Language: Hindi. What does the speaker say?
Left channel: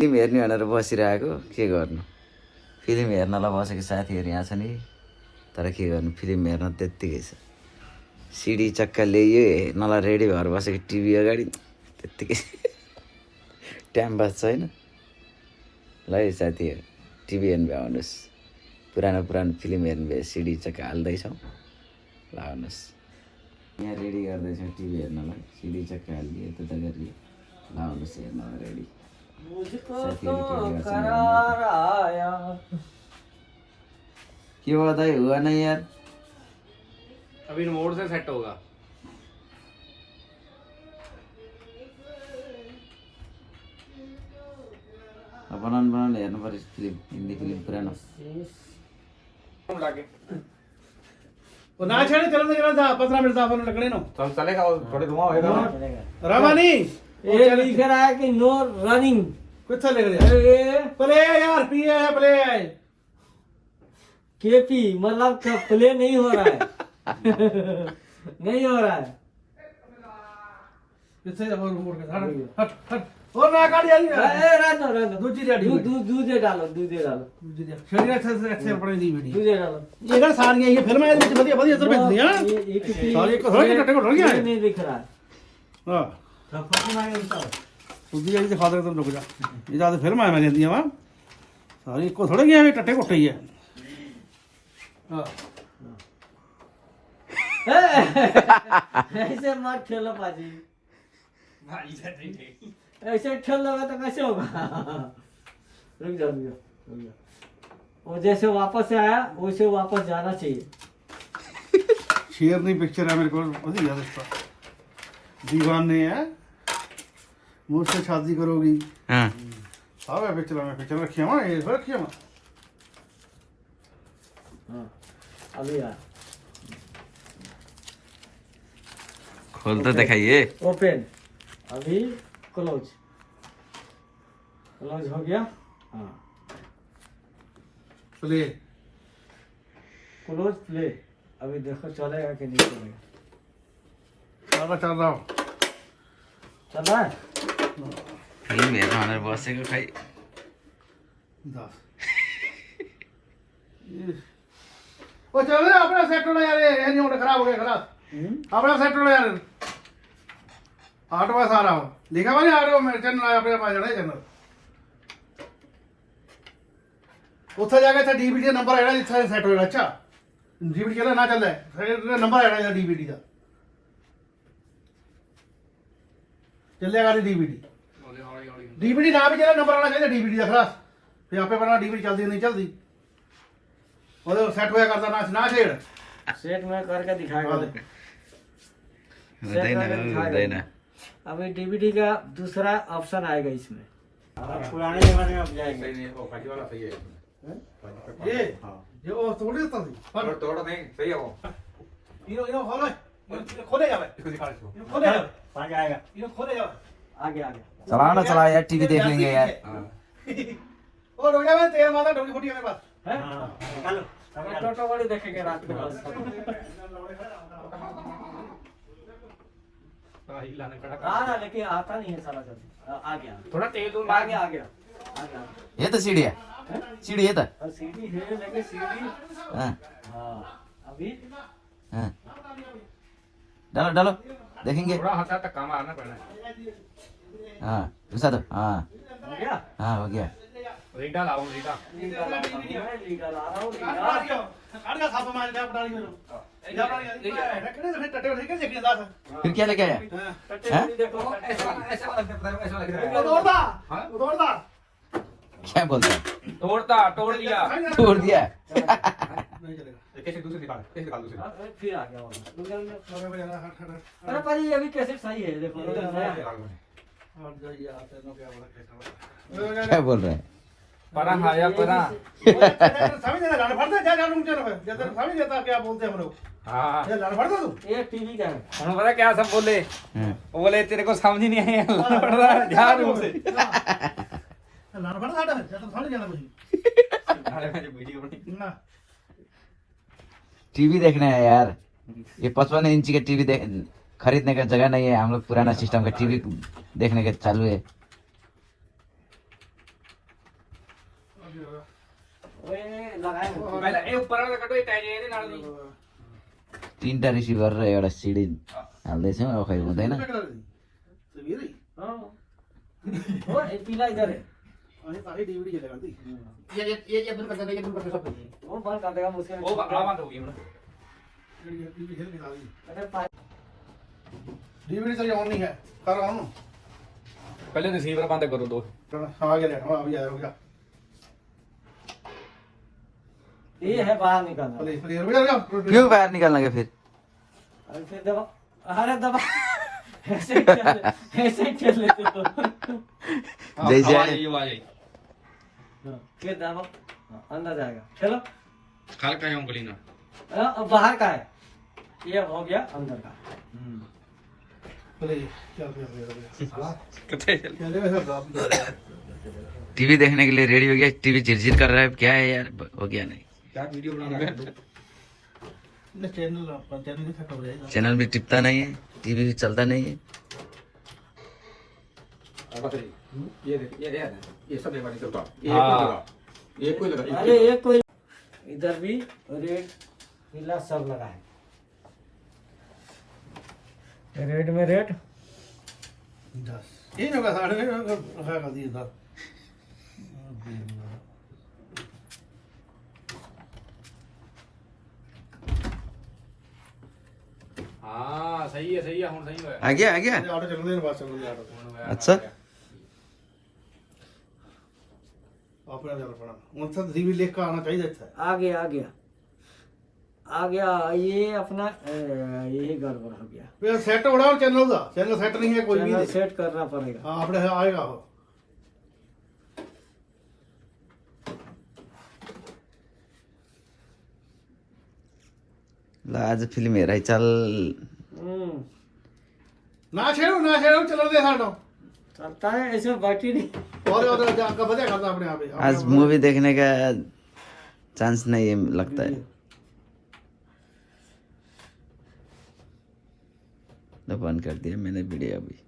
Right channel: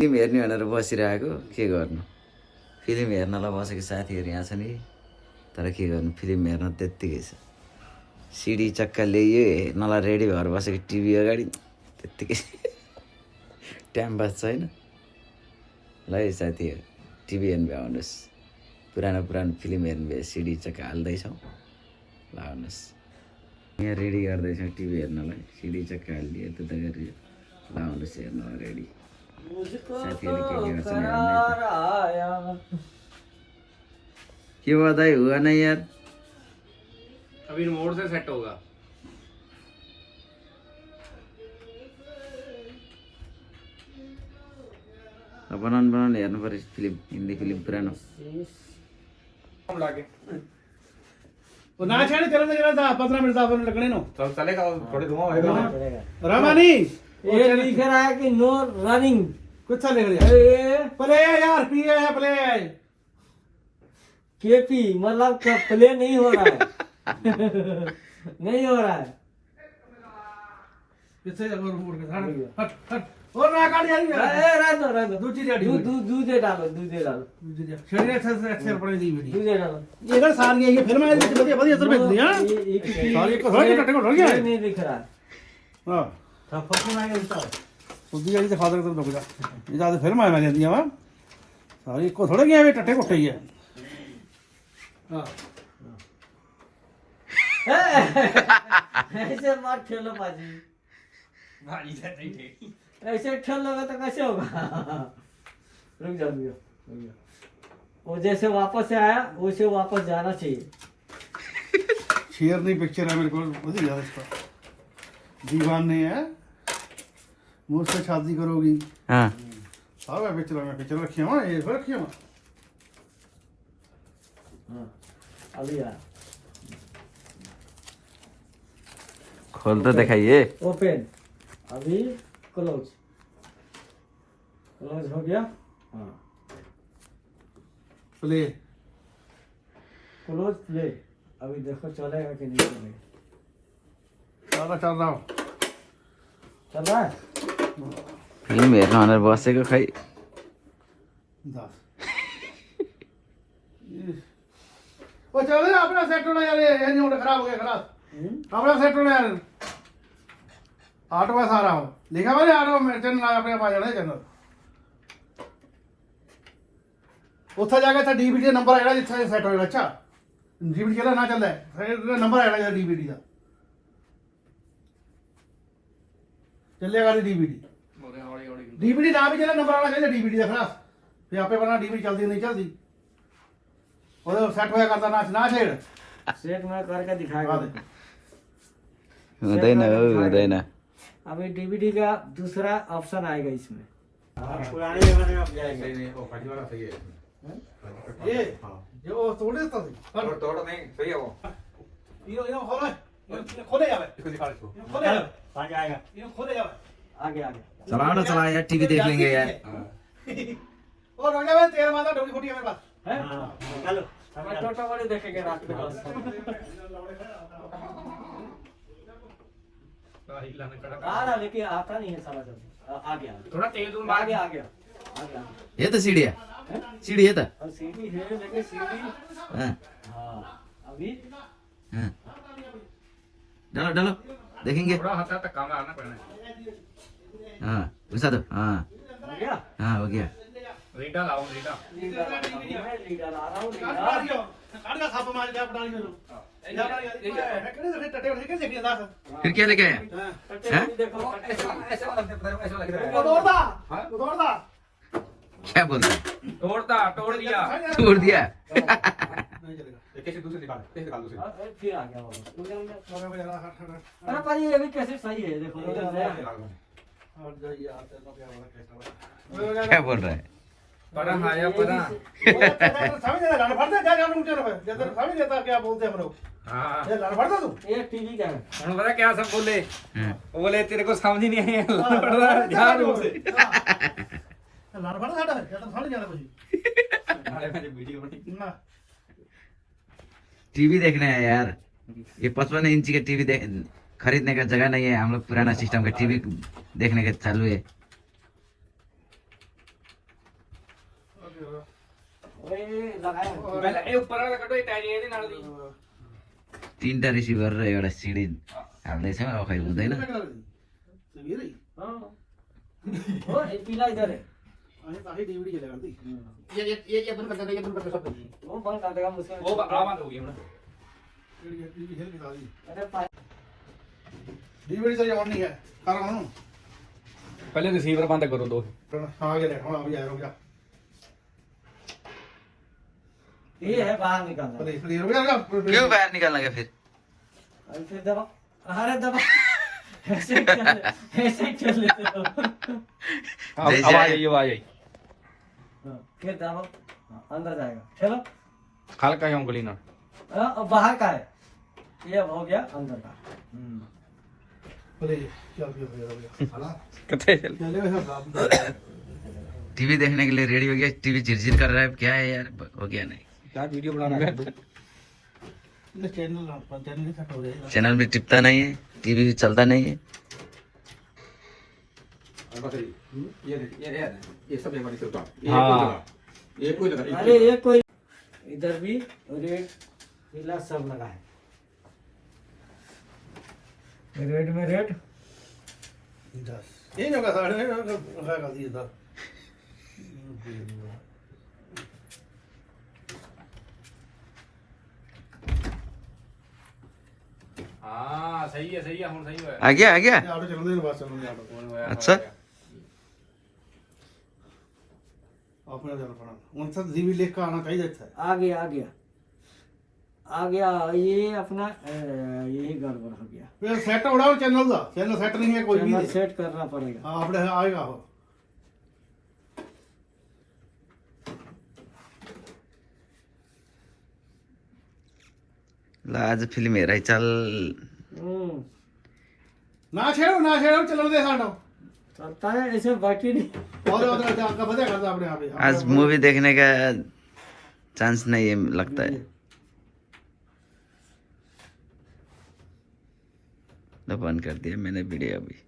फिल्म हेर्ने भनेर बसिरहेको के गर्नु। फिल्म हेर्नलाई बसेको साथीहरू यहाँ छ नि, तर के गर्नु, फिल्म हेर्न त्यत्तिकै छ। सिडी चक्का ल्याइयो हेर्नलाई रेडी भएर बसेको टिभी अगाडि त्यत्तिकै टाइम पास छैन। ल है साथीहरू, टिभी हेर्नु भए आउनुहोस्, पुरानो फिल्म हेर्नु भए सिडी चक्का हाल्दैछौँ, ल आउनुहोस्। यहाँ रेडी गर्दैछौँ टिभी हेर्नलाई, सिडी चक्का हालिदियो यता गरियो, ल आउनुहोस् हेर्नलाई रेडी। साथीहरू के हुआ दाई, हुआ नहीं यार, अभी मोड से सेट होगा। बनाउनु हेर्नु पर्यो फिल्म, हिन्दी फिल्म पुरानो। वो ना छेड़े, चलो ना चलो 15 मिनट 10 मिनट लगने नो तो चलेगा, वो थोड़े धुआं होएगा। रवानी ये लिख रहा है कि नो रनिंग। कुछ चले गए प्ले यार, पीए है प्ले है, केपी मतलब प्ले नहीं हो रहा है। नहीं हो रहा है। किससे जब मोड़ के हट हट और ना काट यार, रहने दो दूजी रेडी दूधे डालो शरीर अच्छे पड़े दी वीडियो दूधे डालो। ये कर सारी ये फिल्म है ਵਿੱਚ ਵਧੀਆ ਵਧੀਆ ਇਧਰ भेजਦੀ हां सारी एक थोड़ा टट्टे को ढल गया नहीं दिख रहा है। हां थप्पड़ ना ये इसका उदी जी दिखा दे, तुम रुक जा, ये तो फिल्म है मैं कहती हूं सारी एक थोड़ा गया ये टट्टे कोठे ही है। हां ऐसे मत खेलो बाजी, भाई से ठीक है, ऐसे खेल लगा तो कैसे होगा। रुक जाओ वो जैसे वापस आया वैसे वापस जाना चाहिए। शेर नहीं पिक्चर है मेरे को वही याद इसका, दीवाने है मुझसे शादी करोगी। हाँ साहब है पिक्चर में, पिक्चर रखी है ये रखी है। हाँ अभी यार खोल तो दिखाइए। ओपन, अभी क्लोज हो गया। हाँ प्ले क्लोज प्ले, अभी देखो चलेगा कि नहीं चलेगा। चल रहा हूँ, चल रहा है। फिल्म हेर्न भनेर बसेको खै 10 वो चल रहा अपना सेट होना यार, ये नहीं होना, खराब हो गया खराब अपना सेट होना यार। 8 बजे आ रहा हूँ, लिखा भाई 8 बजे मेरे चैनल अपने पास जाना चैनल ਉੱਥੇ ਜਾ ਕੇ ਇੱਥੇ ਡੀਵੀਡੀ ਨੰਬਰ ਆਇਆ ਜਿੱਥੇ ਸੈੱਟ ਹੋਏਗਾ। ਅੱਛਾ ਡੀਵੀਡੀ ਚੱਲਦਾ ਨਾ ਚੱਲਦਾ, ਫਿਰ ਨੰਬਰ ਆਇਆ ਡੀਵੀਡੀ ਦਾ ਚੱਲੇਗਾ ਨਹੀਂ ਡੀਵੀਡੀ ਨਾ ਵੀ ਚੱਲੇ, ਨੰਬਰ ਆਉਣਾ ਚਾਹੀਦਾ ਡੀਵੀਡੀ ਦਾ ਖਲਾਸ, ਫਿਰ ਆਪੇ ਪਤਾ ਡੀਵੀਡੀ ਚੱਲਦੀ ਨਹੀਂ ਚੱਲਦੀ, ਉਹਦੇ ਸੈੱਟ ਹੋਇਆ ਕਰਦਾ ਨਾ ਛੇੜ। सेट में करके दिखाएगा। हुँदैन। अभी डीवीडी का दूसरा ऑप्शन आएगा इसमें। पुराने जमाने में जाएगा ये वो तोड़ देता थी, तोड़ नहीं सही है वो, ये खोले जावे, इसको दिखा इसको, खोले जावे, आगे आएगा, ये खोले जावे आगे आगे। चलाओ ना, चला यार, टीवी देख लेंगे यार। और हो जावे तेल माता डोरी खोटी है मेरे पास है। हेलो टोटो वाले देखेंगे रात में। आ रहा लेकिन आता नहीं है साला जल्दी। आ गया थोड़ा तेल दो, आ गया ये त सिडी है, सिडी है त। और सीढ़ी है लेकिन सीढ़ी हाँ हाँ अभी हाँ, डालो डालो देखेंगे। थोड़ा हाथ तक काम आना पड़ना है। हाँ घुसा दो। हाँ हो गया। हाँ हो गया। रीटा लाओ रीटा, लीडर आ रहा हूँ लीडर काट का साफ मार जा पटानी में जा पटानी रखने से फिर टटे ठीक है देखिए दास फिर क्या लेके आया? हैं? देखो उधर क्या बोलता है? तोड़ दिया छोड़ दिया। नहीं चलेगा, एक कैसे दूसरे निकाल, कैसे निकाल दूसरे, फिर आ गया अरे भाई अभी कैसे सही है देखो। हट जाइए आते नो क्या बोला क्या बोल रहा है? परा आया परा, समझ नहीं लड़ फड़ता जा जानू मुझे जब समझ जाता क्या बोलते हैं हम लोग। हाँ ये लड़ फड़ता तू ये टीवी का है। उन्होंने पता क्या सब बोले, हाँ। वो बोले तेरे को समझ ही नहीं आई, ध्यान से लड़ फड़ता हटा फिर तो समझ जाना कुछ नाले में जो वीडियो बनी ना। टीवी देखना है यार, ये 55 इंची का टीवी खरीदने का जगह नहीं है। हम लोग पुराना सिस्टम का टीवी देखने का चालू है। ओए लगाए ਪਹਿਲਾਂ ਇਹ ਉੱਪਰ ਵਾਲਾ ਕੱਢੋ ਇਹ ਟੈਗ ਇਹਦੇ ਨਾਲ ਦੀ 3टा रिसिभर र एउटा सिडी हाल्दैछ अब खै हुँदैन हाँ ओ ये पीला इधर है DVD चलेगा दी ਇਹ ਬੰਦ ਕਰ ਦੇ ਇਹ ਬੰਦ ਕਰ ਦੇ ਸਭ वो बंद कर देगा मुझसे ਉਹ ਆਵਾਂ ਹੋ ਗਈ ਹੁਣ DVD खेल के दी अरे पा- DVD तो ऑन नहीं है कर ऑन ਪਹਿਲੇ ਰਿਸੀਵਰ ਬੰਦ ਕਰੋ ਦੋ हाँ ये ले अभी आ रुक जा ये है बाहर निकालना प्लीज रुक जा क्यों बाहिर निकाल्न गयो फेरि अरे फिर दबा अरे दबा ऐसे खेल लेते हो जैसे आवाज आयो आई आवाज आई हाँ, फिर दबा हाँ, अंदर जाएगा चलो हल्का है उंगली ना अब बाहर का है ये हो गया अंदर का प्लीज चल फिर कितने चले वैसे टीवी देखने के लिए रेडी हो गया टीवी झिरझिर कर रहा है क्या है यार हो गया नहीं क्या वीडियो बनाना है चैनल के सेट हो जाएगा चैनल भी टिपता नहीं है टीवी भी चलता नहीं है ये देख ये सब एक बार से उतार ये कोई लगा ये कोई लगा अरे ये कोई इधर भी रेड पीला सब लगा है रेड में रेड ये जगह साढ़े में है कर दी इधर हां सही है हम सही है आ गया ऑटो चलने के बाद चलने ऑटो अच्छा अपना जरा पड़ा उनसे डीवी लेकर का आना चाहिए था आ गया ये अपना यही गड़बड़ हो गया फिर सेट उड़ाओ चैनल सेट नहीं है कोई भी चैनल सेट करना पड़ेगा हां अपने आएगा वो ल आज फिल्म हेराइ चल हम्म, ना छेड़ो चलो दे साडो चलता है ऐसे बाकी नहीं और उधर जाकर बजा करता अपने आप ही आज मूवी देखने का चांस नहीं है लगता है तो बंद कर दिया मैंने वीडियो अभी